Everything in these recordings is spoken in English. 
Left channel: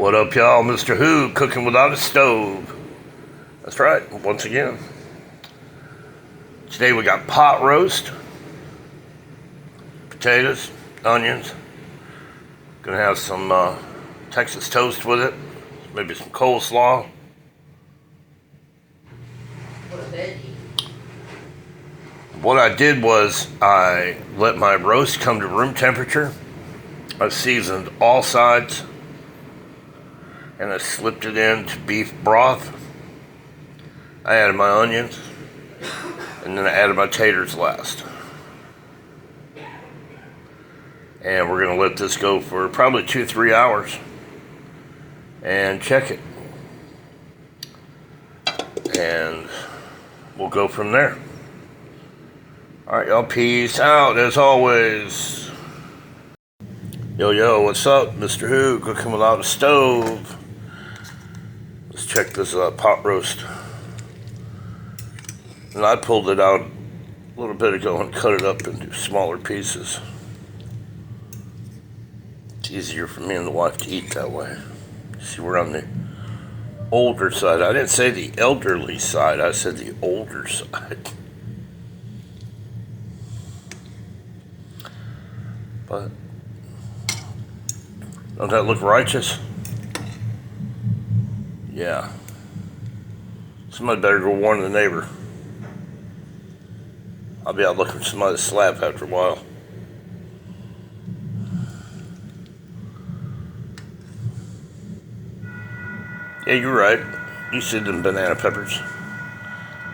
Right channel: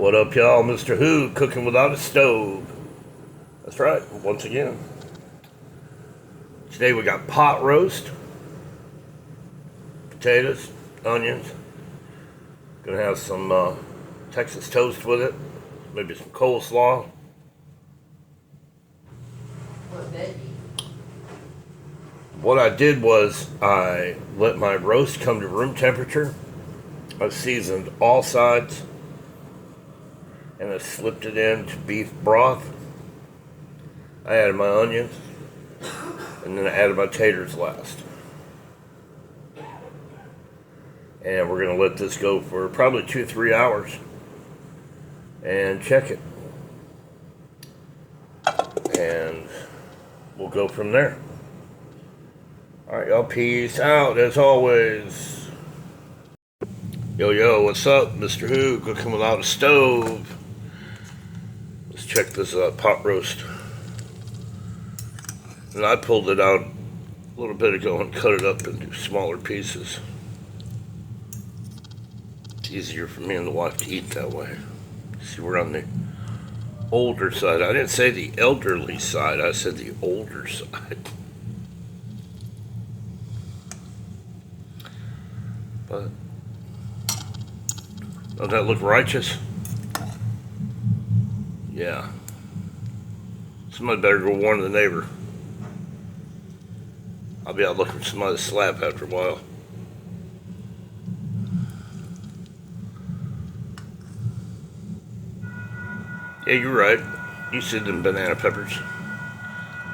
What up, y'all? Mr. Who, cooking without a stove. That's right, once again. Today we got pot roast, potatoes, onions. Gonna have some Texas toast with it, maybe some coleslaw. What I did was I let my roast come to room temperature. I seasoned all sides, and I slipped it into beef broth. I added my onions, and then I added my taters last. And we're gonna let this go for probably 2-3 hours and check it. And we'll go from there. All right, y'all, peace out as always. Yo, what's up? Mr. Who, cooking without a stove. Let's check this pot roast. And I pulled it out a little bit ago and cut it up into smaller pieces. It's easier for me and the wife to eat that way. See, we're on the older side. I didn't say the elderly side, I said the older side. But doesn't that look righteous? Yeah. Somebody better go warn the neighbor. I'll be out looking for somebody to slap after a while. Yeah, you're right. You see them banana peppers,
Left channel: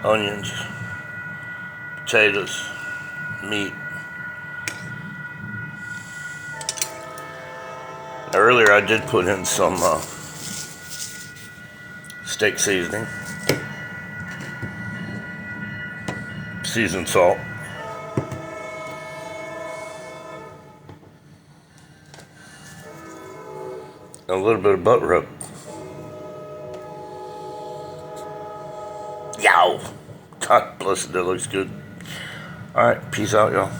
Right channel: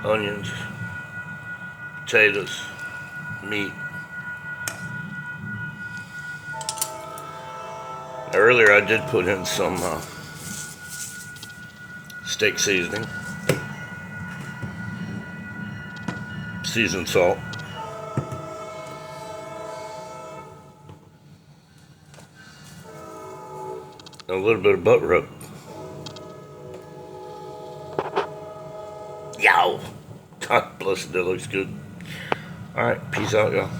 onions, potatoes, meat. Earlier I did put in some steak seasoning, seasoned salt, and a little bit of butt rub. Yow! God bless it, that looks good. Alright, peace out, y'all.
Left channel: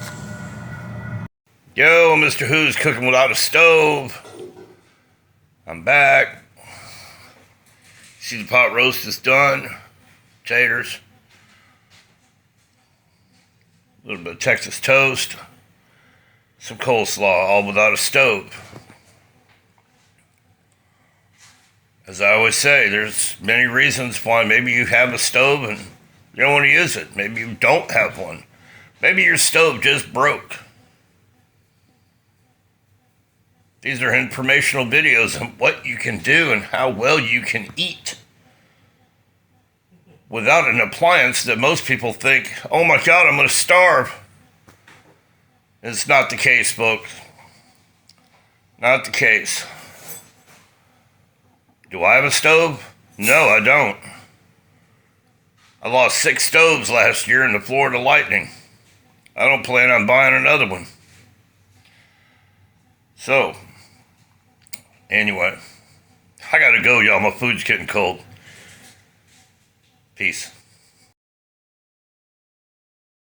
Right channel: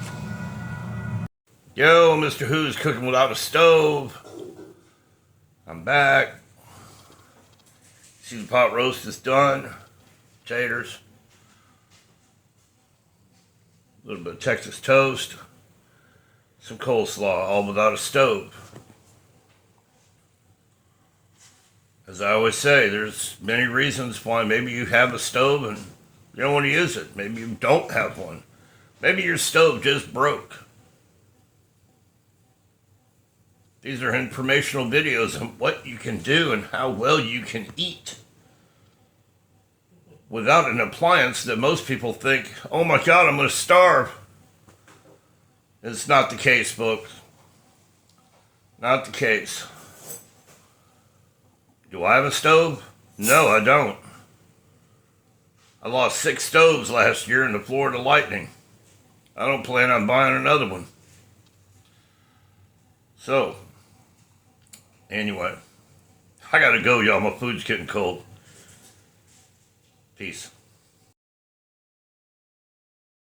Yo, Mr. Who's cooking without a stove. I'm back. See, the pot roast is done. Taters. A little bit of Texas toast. Some coleslaw, all without a stove. As I always say, there's many reasons why maybe you have a stove and you don't want to use it. Maybe you don't have one. Maybe your stove just broke. These are informational videos on what you can do and how well you can eat without an appliance that most people think, oh my God, I'm going to starve. It's not the case, folks. Not the case. Do I have a stove? No, I don't. I lost 6 stoves last year in the Florida lightning. I don't plan on buying another one. So, anyway, I gotta go, y'all. My food's getting cold. Peace.